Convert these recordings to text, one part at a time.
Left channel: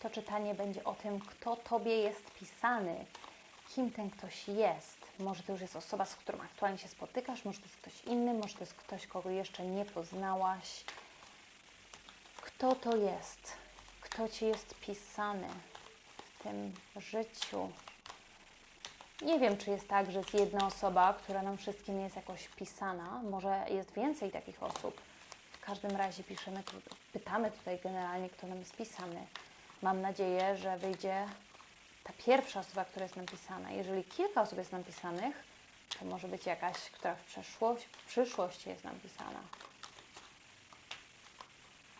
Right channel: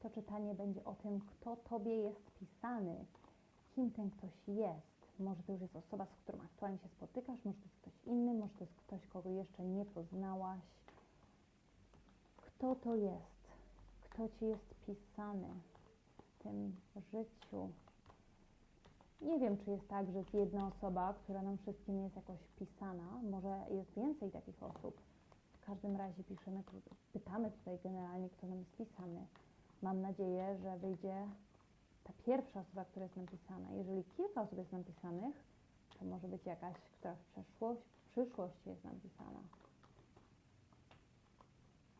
To czytanie będzie o tym, kto Tobie jest pisany, kim ten ktoś jest. Może to już jest osoba, z którą aktualnie się spotykasz, może to jest ktoś inny, może to jest ktoś, kogo jeszcze nie poznałaś. Kto to jest? Kto Ci jest pisany w tym życiu? Nie wiem, czy jest tak, że jest jedna osoba, która nam wszystkim jest jakoś pisana. Może jest więcej takich osób. W każdym razie piszemy, pytamy tutaj generalnie, kto nam jest pisany. Mam nadzieję, że wyjdzie ta pierwsza osoba, która jest napisana. Jeżeli kilka osób jest napisanych, to może być jakaś, która w, przeszłość, w przyszłości jest napisana.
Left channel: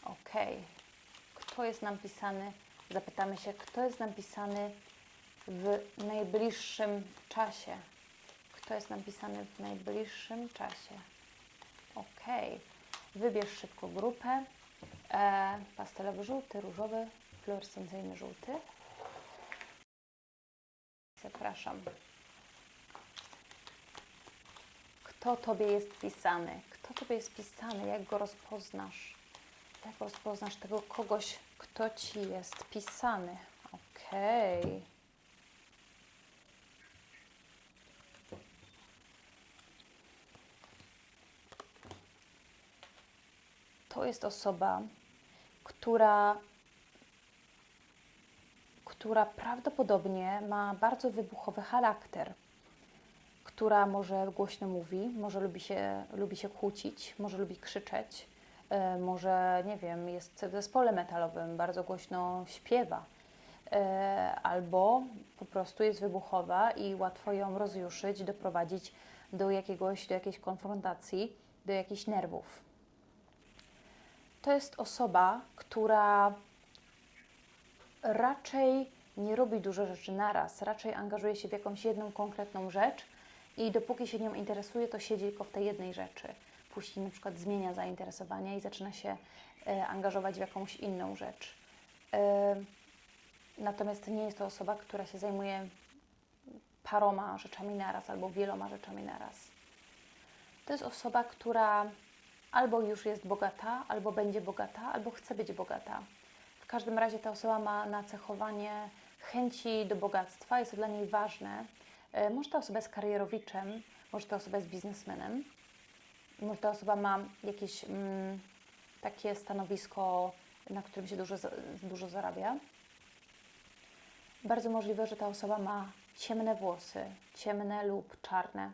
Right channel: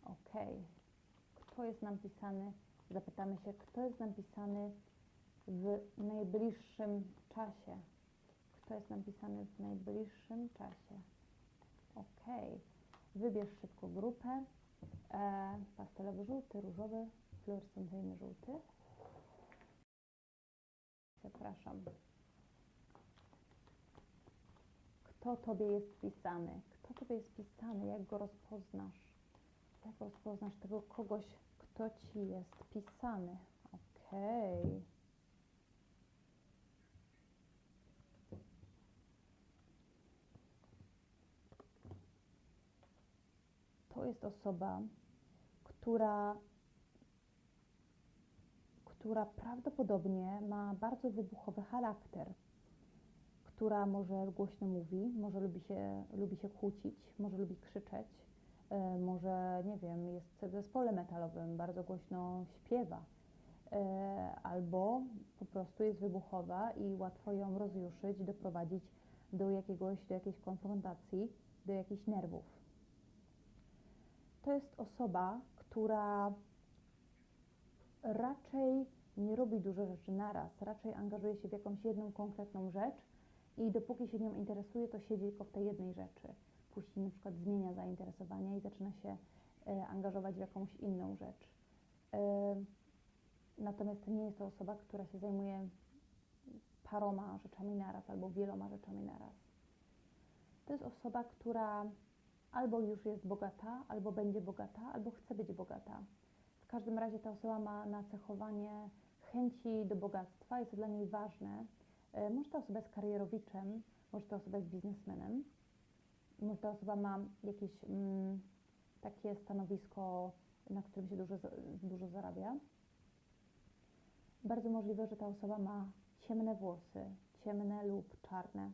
Ok. Kto jest napisany? Zapytamy się, kto jest napisany w najbliższym czasie. Kto jest napisany w najbliższym czasie? Ok. Wybierz szybko grupę. E, pastelowy żółty, różowy, fluorescencyjny żółty. Zapraszam. Kto Tobie jest pisany? Kto Tobie jest pisany? Jak go rozpoznasz? Jak rozpoznasz tego kogoś, kto Ci jest pisany? Okej. To jest osoba, która, która prawdopodobnie ma bardzo wybuchowy charakter, która może głośno mówi, może lubi się, lubi się kłócić, może lubi krzyczeć, e, może, nie wiem, jest w zespole metalowym, bardzo głośno śpiewa, e, albo po prostu jest wybuchowa i łatwo ją rozjuszyć, doprowadzić do jakiegoś, do jakiejś konfrontacji, do jakichś nerwów. To jest osoba, która raczej nie robi dużo rzeczy naraz, raczej angażuje się w jakąś jedną konkretną rzecz i dopóki się nią interesuje, to siedzi tylko w tej jednej rzeczy. Później na przykład zmienia zainteresowania i zaczyna się e, angażować w jakąś inną rzecz. E, natomiast nie jest to osoba, która się zajmuje paroma rzeczami naraz albo wieloma rzeczami naraz. To jest osoba, która albo już jest bogata, albo będzie bogata, albo chce być bogata. Każdym razie ta osoba ma nacechowanie chęci do bogactwa, jest to dla niej ważne. E, Może ta osoba jest karierowiczem, może ta osoba jest biznesmenem, może ta osoba ma jakieś mm, takie stanowisko, na którym się dużo, dużo zarabia. Bardzo możliwe, że ta osoba ma ciemne włosy, ciemne lub czarne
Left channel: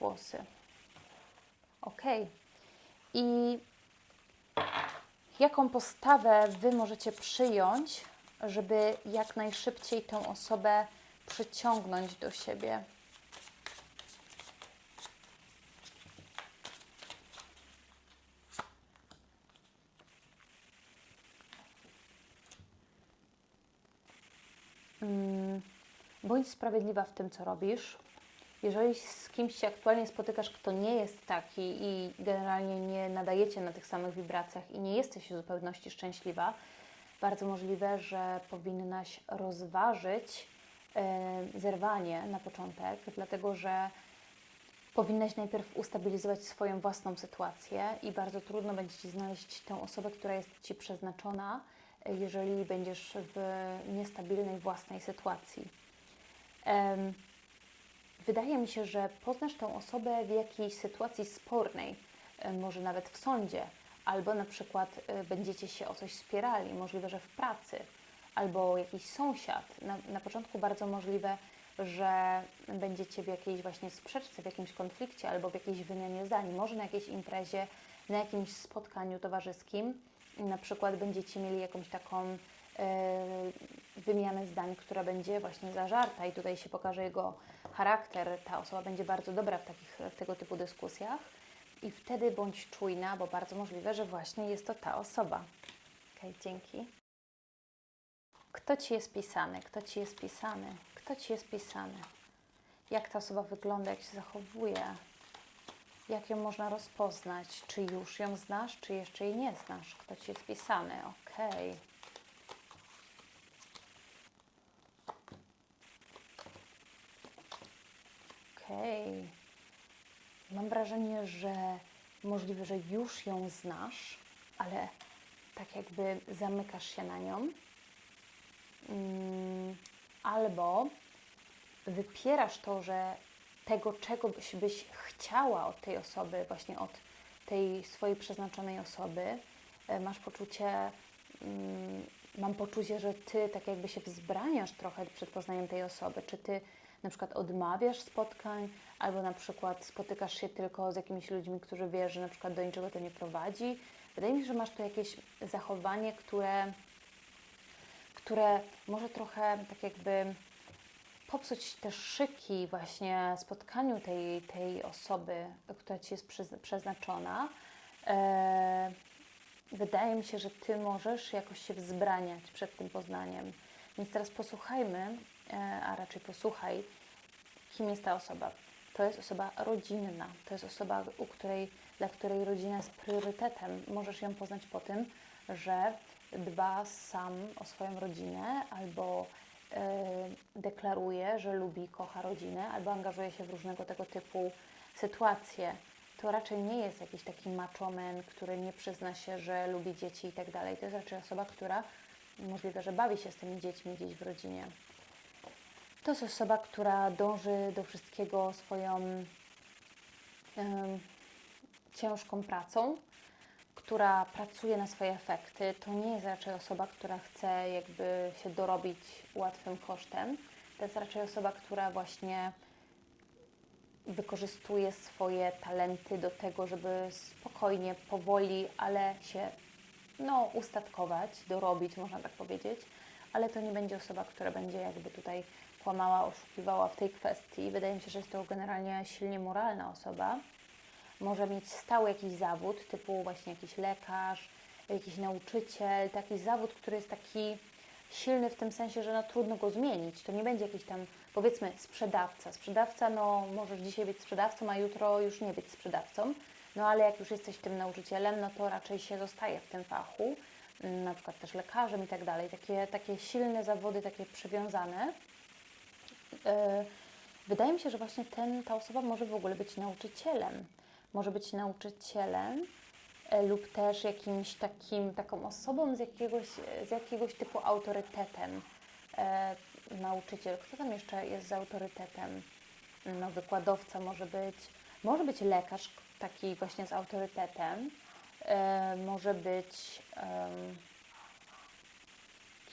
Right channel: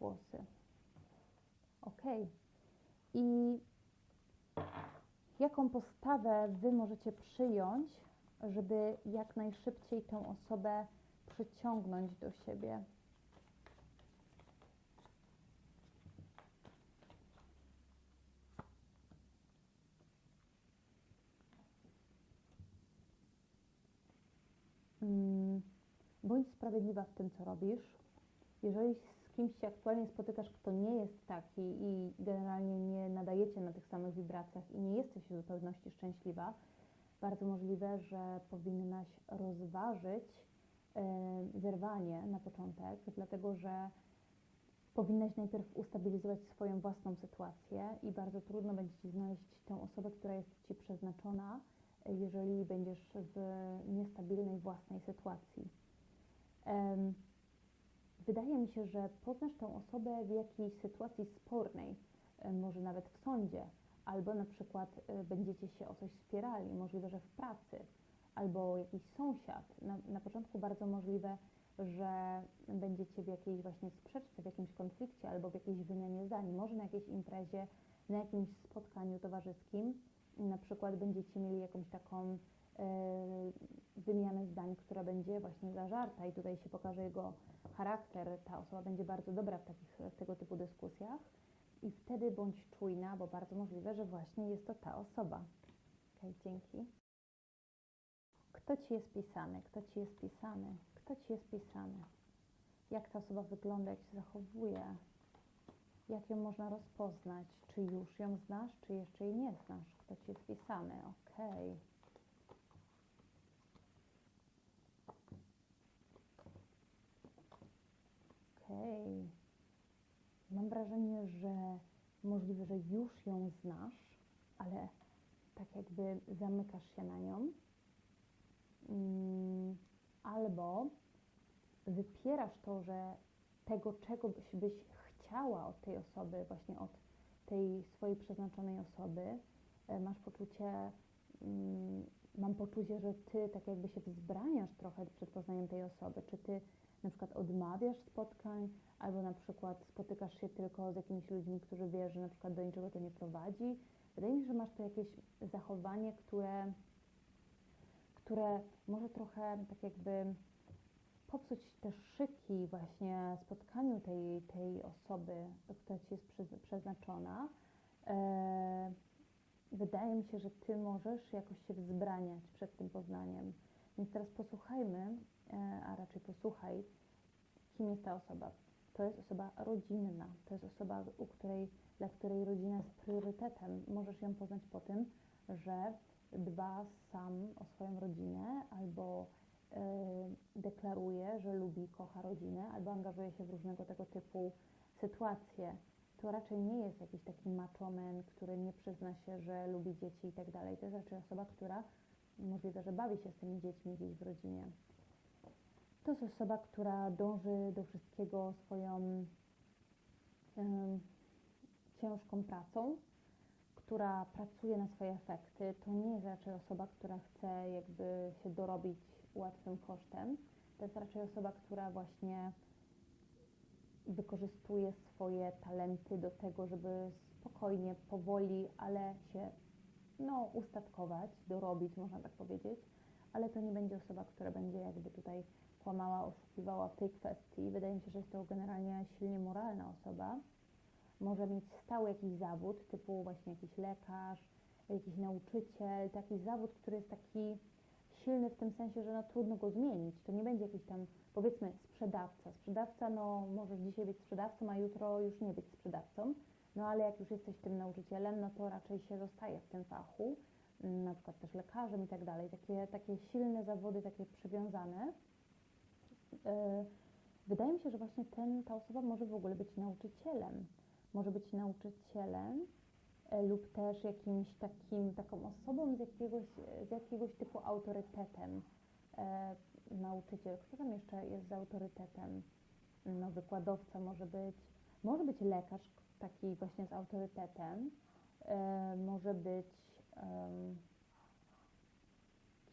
włosy. Okej. I jaką postawę Wy możecie przyjąć, żeby jak najszybciej tę osobę przyciągnąć do siebie? Mm, Bądź sprawiedliwa w tym, co robisz. Jeżeli z kimś się aktualnie spotykasz, kto nie jest taki i generalnie nie nadajecie na tych samych wibracjach i nie jesteś w zupełności szczęśliwa, bardzo możliwe, że powinnaś rozważyć e, zerwanie na początek, dlatego że powinnaś najpierw ustabilizować swoją własną sytuację i bardzo trudno będzie Ci znaleźć tę osobę, która jest Ci przeznaczona, e, jeżeli będziesz w niestabilnej własnej sytuacji. Em, Wydaje mi się, że poznasz tę osobę w jakiejś sytuacji spornej, e, może nawet w sądzie, albo na przykład e, będziecie się o coś spierali, możliwe, że w pracy, albo jakiś sąsiad. Na, na początku bardzo możliwe, że będziecie w jakiejś właśnie sprzeczce, w jakimś konflikcie, albo w jakiejś wymianie zdań, może na jakiejś imprezie, na jakimś spotkaniu towarzyskim. Na przykład będziecie mieli jakąś taką e, wymianę zdań, która będzie właśnie zażarta i tutaj się pokaże jego charakter. Ta osoba będzie bardzo dobra w, takich, w tego typu dyskusjach i wtedy bądź czujna, bo bardzo możliwe, że właśnie jest to ta osoba. Okej, dzięki. Kto Ci jest pisany? Kto Ci jest pisany? Kto Ci jest pisany? Jak ta osoba wygląda, jak się zachowuje? Jak ją można rozpoznać? Czy już ją znasz, czy jeszcze jej nie znasz? Kto Ci jest pisany? Okej. Okej. Mam wrażenie, że możliwe, że już ją znasz, ale tak jakby zamykasz się na nią mm, albo wypierasz to, że tego, czego byś, byś chciała od tej osoby, właśnie od tej swojej przeznaczonej osoby, e, masz poczucie, mm, mam poczucie, że ty tak jakby się wzbraniasz trochę przed poznaniem tej osoby. Czy ty na przykład odmawiasz spotkań, albo na przykład spotykasz się tylko z jakimiś ludźmi, którzy wiesz, że na przykład do niczego to nie prowadzi. Wydaje mi się, że masz tu jakieś zachowanie, które, które może trochę tak jakby popsuć te szyki właśnie spotkaniu tej, tej osoby, która Ci jest przeznaczona. E, wydaje mi się, że Ty możesz jakoś się wzbraniać przed tym poznaniem. Więc teraz posłuchajmy, a raczej posłuchaj, kim jest ta osoba. To jest osoba rodzinna, to jest osoba, u której, dla której rodzina jest priorytetem. Możesz ją poznać po tym, że dba sam o swoją rodzinę albo e, deklaruje, że lubi, kocha rodzinę, albo angażuje się w różnego tego typu sytuacje. To raczej nie jest jakiś taki machoman, który nie przyzna się, że lubi dzieci i tak dalej. To jest raczej osoba, która możliwe, że bawi się z tymi dziećmi gdzieś w rodzinie. To jest osoba, która dąży do wszystkiego swoją ciężką pracą, która pracuje na swoje efekty. To nie jest raczej osoba, która chce jakby się dorobić łatwym kosztem. To jest raczej osoba, która właśnie wykorzystuje swoje talenty do tego, żeby spokojnie, powoli, ale się no, ustatkować, dorobić, można tak powiedzieć, ale to nie będzie osoba, która będzie jakby tutaj kłamała, oszukiwała w tej kwestii. Wydaje mi się, że jest to generalnie silnie moralna osoba. Może mieć stały jakiś zawód, typu właśnie jakiś lekarz, jakiś nauczyciel, taki zawód, który jest taki silny w tym sensie, że no, trudno go zmienić. To nie będzie jakiś tam, powiedzmy, sprzedawca. Sprzedawca, no możesz dzisiaj być sprzedawcą, a jutro już nie być sprzedawcą. No ale jak już jesteś tym nauczycielem, no to raczej się zostaje w tym fachu, na przykład też lekarzem i tak dalej. Takie, takie silne zawody, takie przywiązane. Yy, Wydaje mi się, że właśnie ten, ta osoba może w ogóle być nauczycielem. Może być nauczycielem e, lub też jakimś takim, taką osobą z jakiegoś, z jakiegoś typu autorytetem. E, nauczyciel, kto tam jeszcze jest z autorytetem? No, wykładowca może być, może być lekarz taki właśnie z autorytetem, e, może być,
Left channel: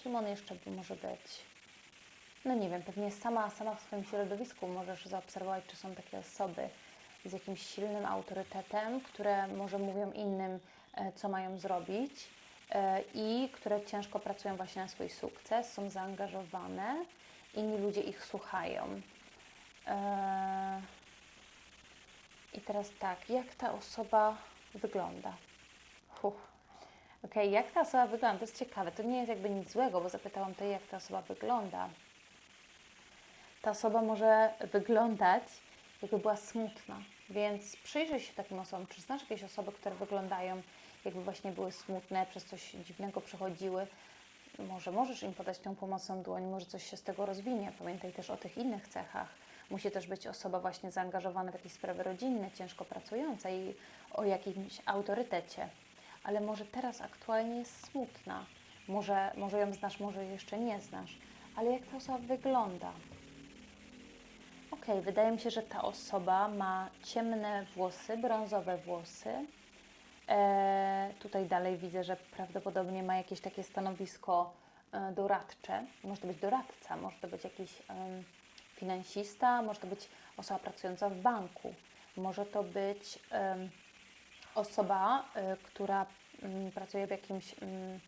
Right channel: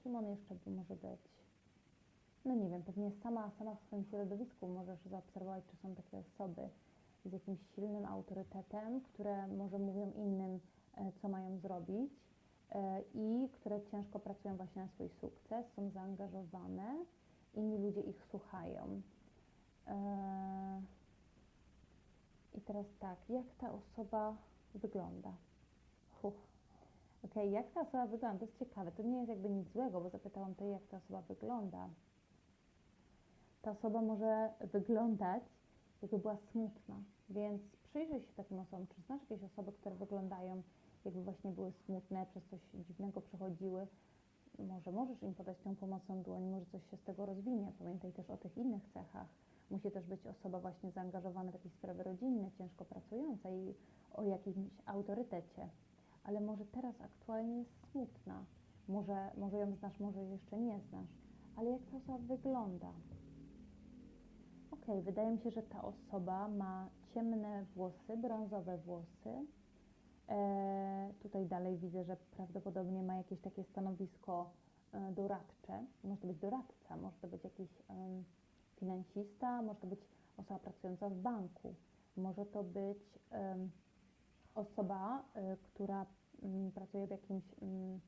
kim on jeszcze może być? No nie wiem, pewnie sama, sama w swoim środowisku możesz zaobserwować, czy są takie osoby z jakimś silnym autorytetem, które może mówią innym, e, co mają zrobić e, i które ciężko pracują właśnie na swój sukces, są zaangażowane, inni ludzie ich słuchają. E, I teraz tak, jak ta osoba wygląda? Uff. Okej, jak ta osoba wygląda? To jest ciekawe. To nie jest jakby nic złego, bo zapytałam tej, jak ta osoba wygląda ta osoba może wyglądać, jakby była smutna. Więc przyjrzyj się takim osobom. Czy znasz jakieś osoby, które wyglądają, jakby właśnie były smutne, przez coś dziwnego przechodziły? Może możesz im podać tą pomocną dłoń, może coś się z tego rozwinie. Pamiętaj też o tych innych cechach. Musi też być osoba właśnie zaangażowana w jakieś sprawy rodzinne, ciężko pracująca i o jakimś autorytecie. Ale może teraz aktualnie jest smutna. Może, może ją znasz, może jeszcze nie znasz. Ale jak ta osoba wygląda? Okej, wydaje mi się, że ta osoba ma ciemne włosy, brązowe włosy. E, tutaj dalej widzę, że prawdopodobnie ma jakieś takie stanowisko e, doradcze. Może to być doradca, może to być jakiś em, finansista, może to być osoba pracująca w banku, może to być em, osoba, e, która mm, pracuje w jakimś mm,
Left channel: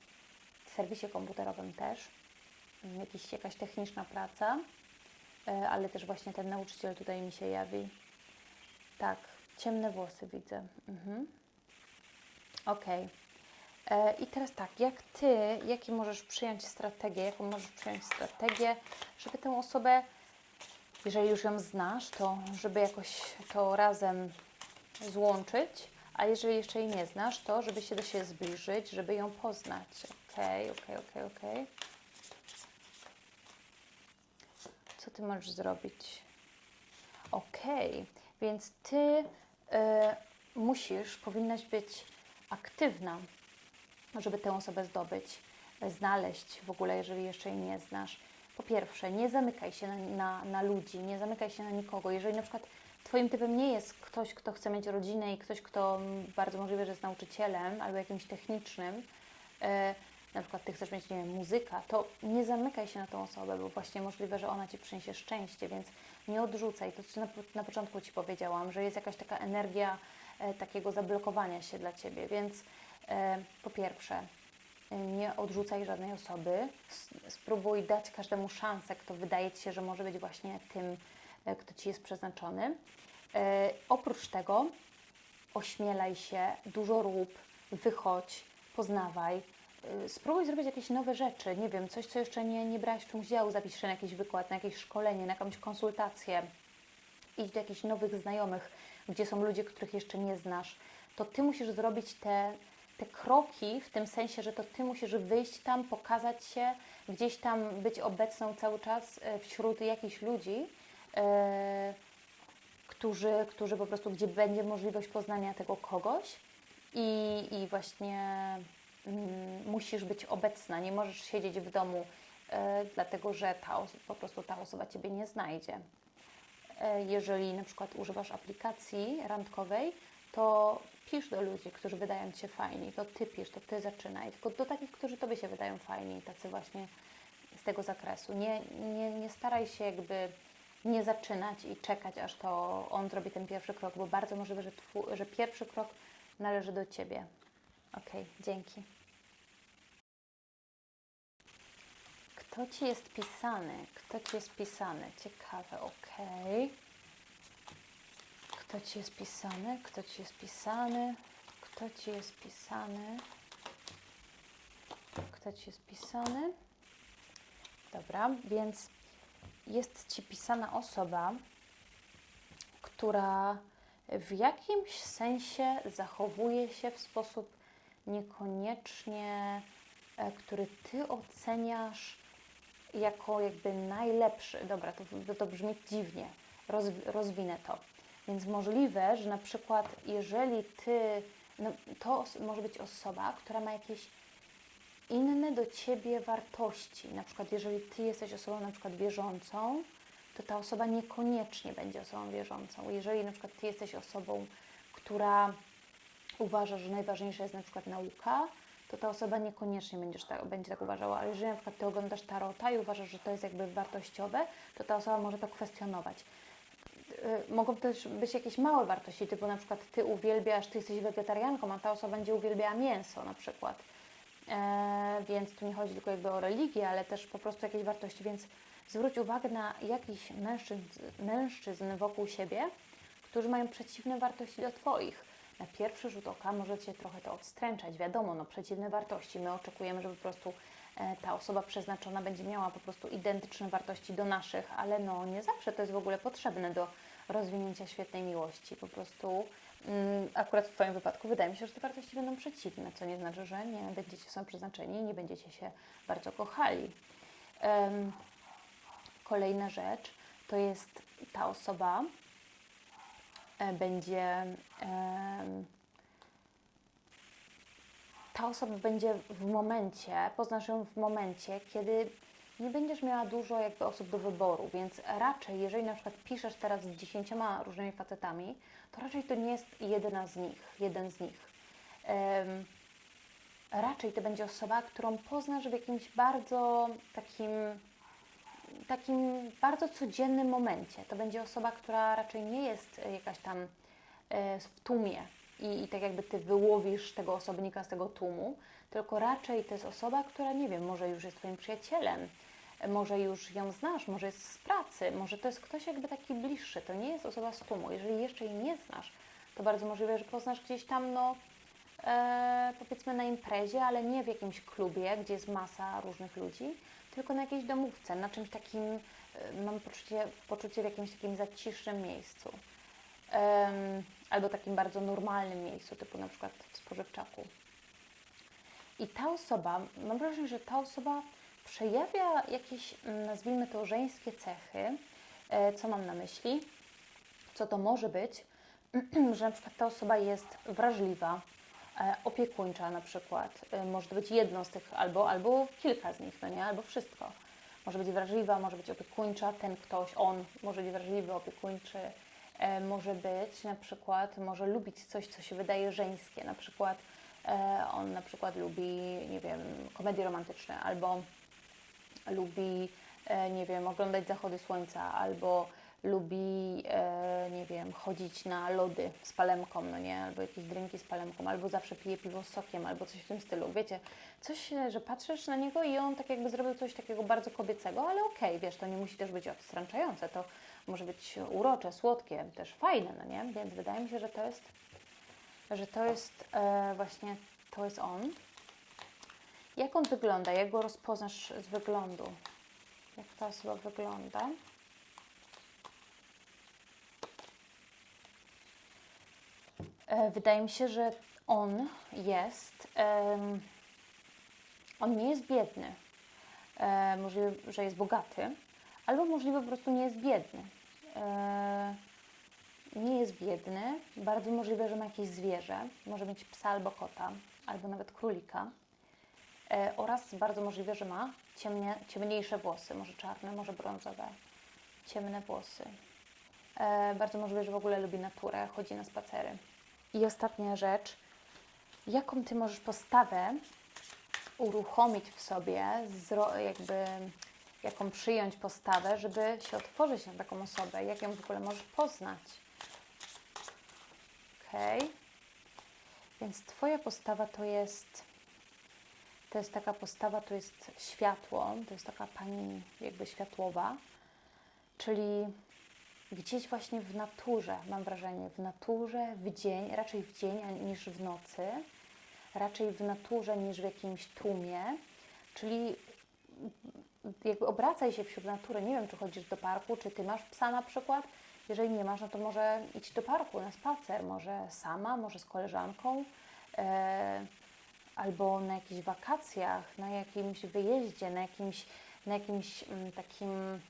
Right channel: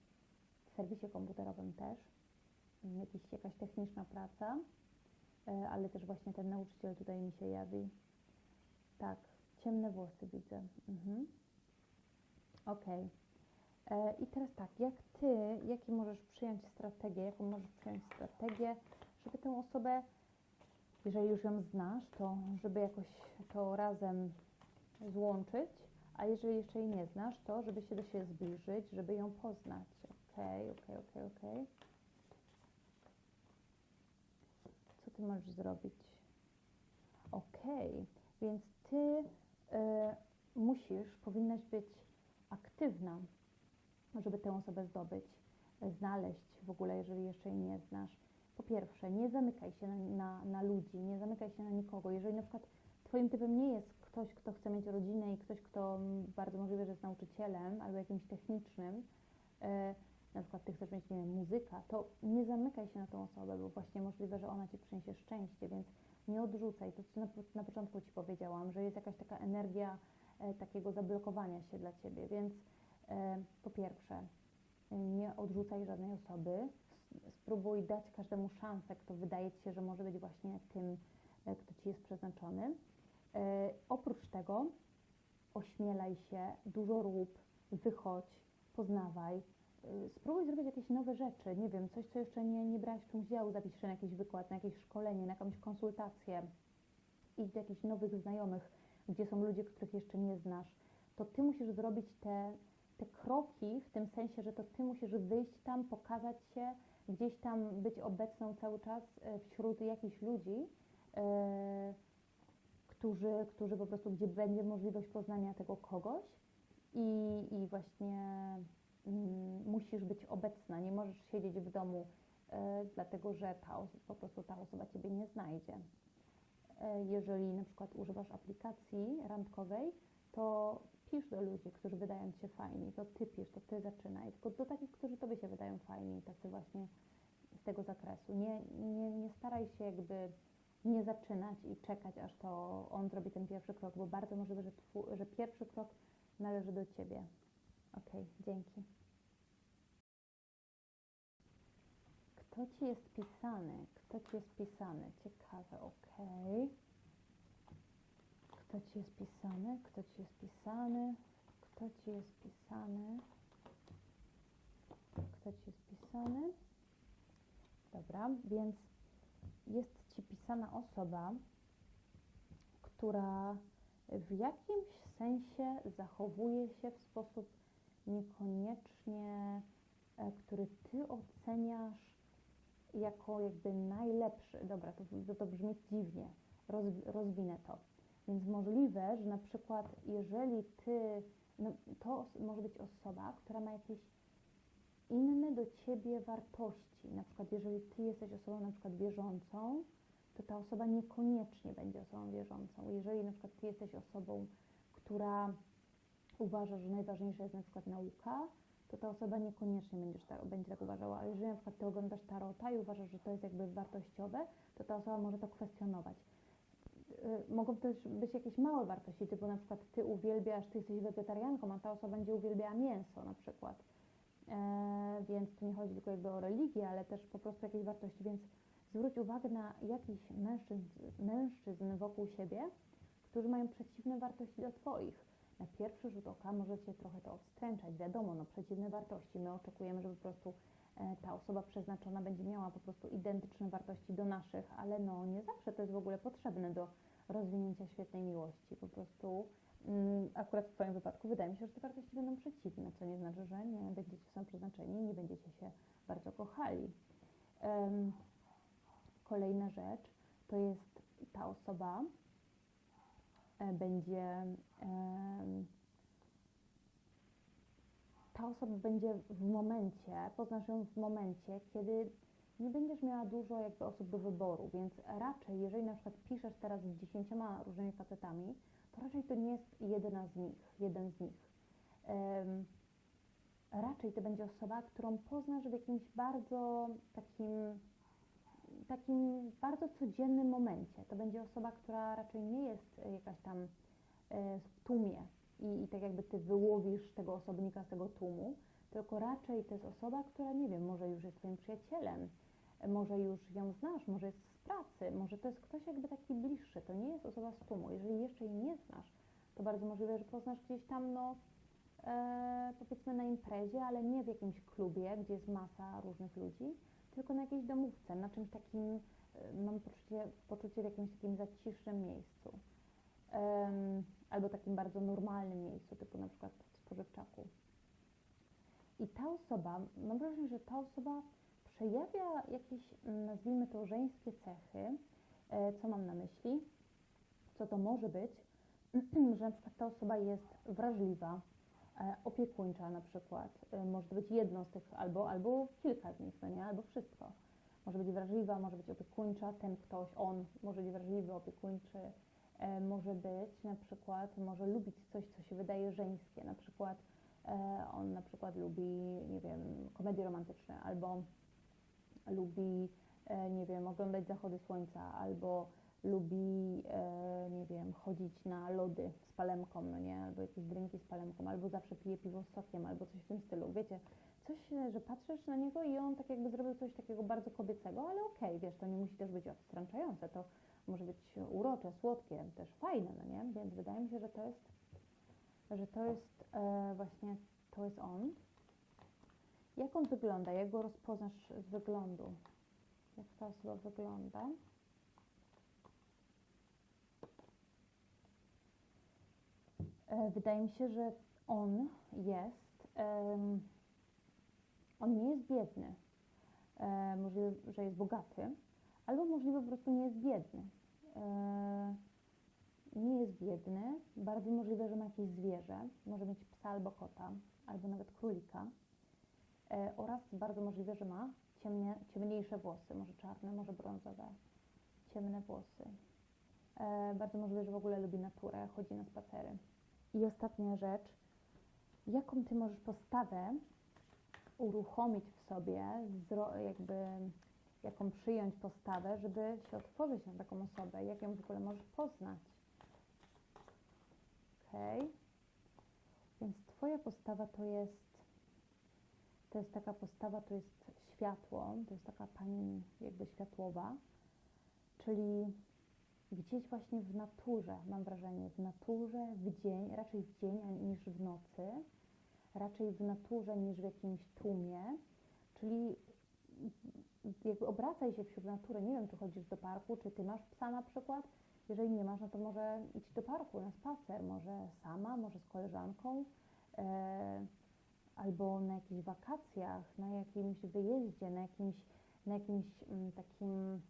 serwisie komputerowym też, jakiś, jakaś techniczna praca. E, ale też właśnie ten nauczyciel tutaj mi się jawi. Tak, ciemne włosy widzę. Mhm. Okej. E, I teraz tak, jak Ty, jakie możesz przyjąć strategię, jaką możesz przyjąć strategię, żeby tę osobę, jeżeli już ją znasz, to żeby jakoś to razem złączyć, a jeżeli jeszcze jej nie znasz, to żeby się do siebie zbliżyć, żeby ją poznać. Okej, okej, okej, okej. Co ty możesz zrobić? Okej, więc ty y, musisz, powinnaś być aktywna, żeby tę osobę zdobyć. znaleźć w ogóle, jeżeli jeszcze jej nie znasz. Po pierwsze, nie zamykaj się na, na, na ludzi, nie zamykaj się na nikogo. Jeżeli na przykład Twoim typem nie jest ktoś, kto chce mieć rodzinę i ktoś, kto bardzo możliwe, że jest nauczycielem albo jakimś technicznym, e, na przykład Ty chcesz mieć, nie wiem, muzyka, to nie zamykaj się na tą osobę, bo właśnie możliwe, że ona Ci przyniesie szczęście, więc nie odrzucaj. To, co na, na początku Ci powiedziałam, że jest jakaś taka energia e, takiego zablokowania się dla Ciebie, więc e, po pierwsze, nie odrzucaj żadnej osoby, spróbuj dać każdemu szansę, kto wydaje Ci się, że może być właśnie tym, e, kto Ci jest przeznaczony. E, oprócz tego ośmielaj się, dużo rób, wychodź, poznawaj, spróbuj zrobić jakieś nowe rzeczy, nie wiem, coś, co jeszcze nie, nie brałaś w czymś udziału, zapisz się na jakiś wykład, na jakieś szkolenie, na jakąś konsultację, idź do jakichś nowych znajomych, gdzie są ludzie, których jeszcze nie znasz, to Ty musisz zrobić te, te kroki w tym sensie, że to Ty musisz wyjść tam, pokazać się, gdzieś tam być obecną cały czas e, wśród jakichś ludzi, e, którzy, którzy po prostu, gdzie będzie możliwość poznania tego kogoś i, i właśnie musisz być obecna, nie możesz siedzieć w domu, e, dlatego że ta, po prostu ta osoba Ciebie nie znajdzie. E, jeżeli na przykład używasz aplikacji randkowej, to pisz do ludzi, którzy wydają Ci się fajni, to Ty pisz, to Ty zaczynaj, tylko do takich, którzy Tobie się wydają fajni, tacy właśnie z tego zakresu. Nie, nie, nie staraj się jakby nie zaczynać i czekać, aż to on zrobi ten pierwszy krok, bo bardzo możliwe, że, twu, że pierwszy krok należy do Ciebie. Okej, dzięki. Kto Ci jest pisany? Kto Ci jest pisany? Ciekawe, okej. Kto Ci jest pisany? Kto Ci jest pisany? Kto Ci jest pisany? Kto Ci jest pisany? Dobra, więc jest Ci pisana osoba, która w jakimś sensie zachowuje się w sposób niekoniecznie, e, który Ty oceniasz jako jakby najlepszy. Dobra, to, to, brzmi dziwnie, Rozwi- rozwinę to. Więc możliwe, że na przykład jeżeli Ty, no, to może być osoba, która ma jakieś inne do Ciebie wartości. Na przykład jeżeli Ty jesteś osobą na przykład wierzącą, to ta osoba niekoniecznie będzie osobą wierzącą. Jeżeli na przykład Ty jesteś osobą, która uważa, że najważniejsza jest na przykład nauka, to ta osoba niekoniecznie będziesz tak, będzie tak uważała. Ale jeżeli na przykład Ty oglądasz tarota i uważasz, że to jest jakby wartościowe, to ta osoba może to kwestionować. Y, Mogą też być jakieś małe wartości, typu na przykład Ty uwielbiasz, Ty jesteś wegetarianką, a ta osoba będzie uwielbiała mięso na przykład. E, więc tu nie chodzi tylko jakby o religię, ale też po prostu jakieś wartości, więc zwróć uwagę na jakichś mężczyzn, mężczyzn wokół siebie, którzy mają przeciwne wartości do Twoich. Na pierwszy rzut oka może Cię trochę to odstręczać, wiadomo, no przeciwne wartości. My oczekujemy, że po prostu e, ta osoba przeznaczona będzie miała po prostu identyczne wartości do naszych, ale no nie zawsze to jest w ogóle potrzebne do rozwinięcia świetnej miłości. Po prostu mm, akurat w Twoim wypadku wydaje mi się, że te wartości będą przeciwne, co nie znaczy, że nie będziecie są przeznaczeni i nie będziecie się bardzo kochali. Em, kolejna rzecz to jest ta osoba będzie em, ta osoba będzie w momencie, poznasz ją w momencie, kiedy nie będziesz miała dużo jakby osób do wyboru, więc raczej, jeżeli na przykład piszesz teraz z dziesięcioma różnymi facetami, to raczej to nie jest jedna z nich, jeden z nich. Em, raczej to będzie osoba, którą poznasz w jakimś bardzo takim, takim bardzo codziennym momencie. To będzie osoba, która raczej nie jest e, jakaś tam e, w tłumie i, i tak jakby ty wyłowisz tego osobnika z tego tłumu, tylko raczej to jest osoba, która nie wiem, może już jest twoim przyjacielem, e, może już ją znasz, może jest z pracy, może to jest ktoś jakby taki bliższy, to nie jest osoba z tłumu. Jeżeli jeszcze jej nie znasz, to bardzo możliwe, że poznasz gdzieś tam, no e, powiedzmy na imprezie, ale nie w jakimś klubie, gdzie jest masa różnych ludzi, tylko na jakiejś domówce, na czymś takim, e, mam poczucie, poczucie w jakimś takim zacisznym miejscu. Em, albo takim bardzo normalnym miejscu, typu na przykład w spożywczaku. I ta osoba, mam wrażenie, że ta osoba przejawia jakieś, mm, nazwijmy to, żeńskie cechy. E, co mam na myśli? Co to może być? że na przykład ta osoba jest wrażliwa, opiekuńcza na przykład. E, może być jedno z tych, albo, albo kilka z nich, no nie? Albo wszystko. Może być wrażliwa, może być opiekuńcza, ten ktoś, on może być wrażliwy, opiekuńczy. E, może być na przykład, może lubić coś, co się wydaje żeńskie. Na przykład e, on na przykład lubi, nie wiem, komedie romantyczne, albo lubi, e, nie wiem, oglądać zachody słońca, albo lubi, e, nie wiem, chodzić na lody z palemką, no nie, albo jakieś drinki z palemką, albo zawsze pije piwo z sokiem, albo coś w tym stylu. Wiecie, coś, e, że patrzysz na niego i on tak jakby zrobił coś takiego bardzo kobiecego, ale okej, wiesz, to nie musi też być odstręczające, to może być urocze, słodkie, też fajne, no nie? Więc wydaje mi się, że to jest, że to jest e, właśnie, to jest on. Jak on wygląda? Jak go rozpoznasz z wyglądu? Jak ta osoba wygląda? E, Wydaje mi się, że on jest. on nie jest biedny. E, możliwe, że jest bogaty, albo możliwe po prostu nie jest biedny. E, nie jest biedny. Bardzo możliwe, że ma jakieś zwierzę. Może mieć psa albo kota, albo nawet królika. E, oraz bardzo możliwe, że ma ciemnie, ciemniejsze włosy, może czarne, może brązowe, ciemne włosy. E, bardzo możliwe, że w ogóle lubi naturę, chodzi na spacery. I ostatnia rzecz, jaką ty możesz postawę uruchomić w sobie, jakby jaką przyjąć postawę, żeby się otworzyć na taką osobę, jak ją w ogóle możesz poznać. Okej. Więc twoja postawa to jest to jest taka postawa, to jest światło, to jest taka pani jakby światłowa, czyli gdzieś właśnie w naturze, mam wrażenie, w naturze, w dzień, raczej w dzień niż w nocy, raczej w naturze niż w jakimś tłumie, czyli jakby obracaj się wśród natury. Nie wiem, czy chodzisz do parku, czy ty masz psa na przykład. Jeżeli nie masz, no to może idź do parku na spacer, może sama, może z koleżanką. E, albo na jakichś wakacjach, na jakimś wyjeździe, na jakimś, na jakimś mm, takim,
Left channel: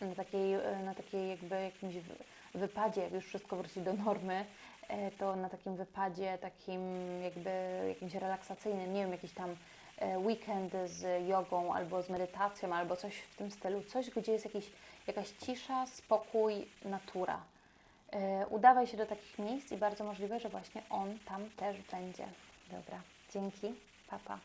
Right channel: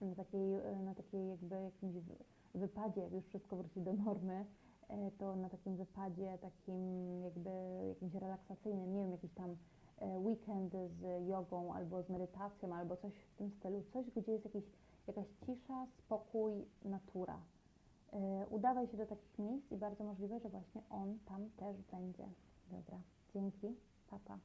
na takiej, e, na takiej jakby jakimś wy- wypadzie, jak już wszystko wróci do normy, e, to na takim wypadzie, takim jakby jakimś relaksacyjnym, nie wiem, jakiś tam e, weekend z jogą albo z medytacją, albo coś w tym stylu, coś, gdzie jest jakiś, jakaś cisza, spokój, natura. Udawaj się do takich miejsc i bardzo możliwe, że właśnie on tam też będzie. Dobra, dzięki, papa.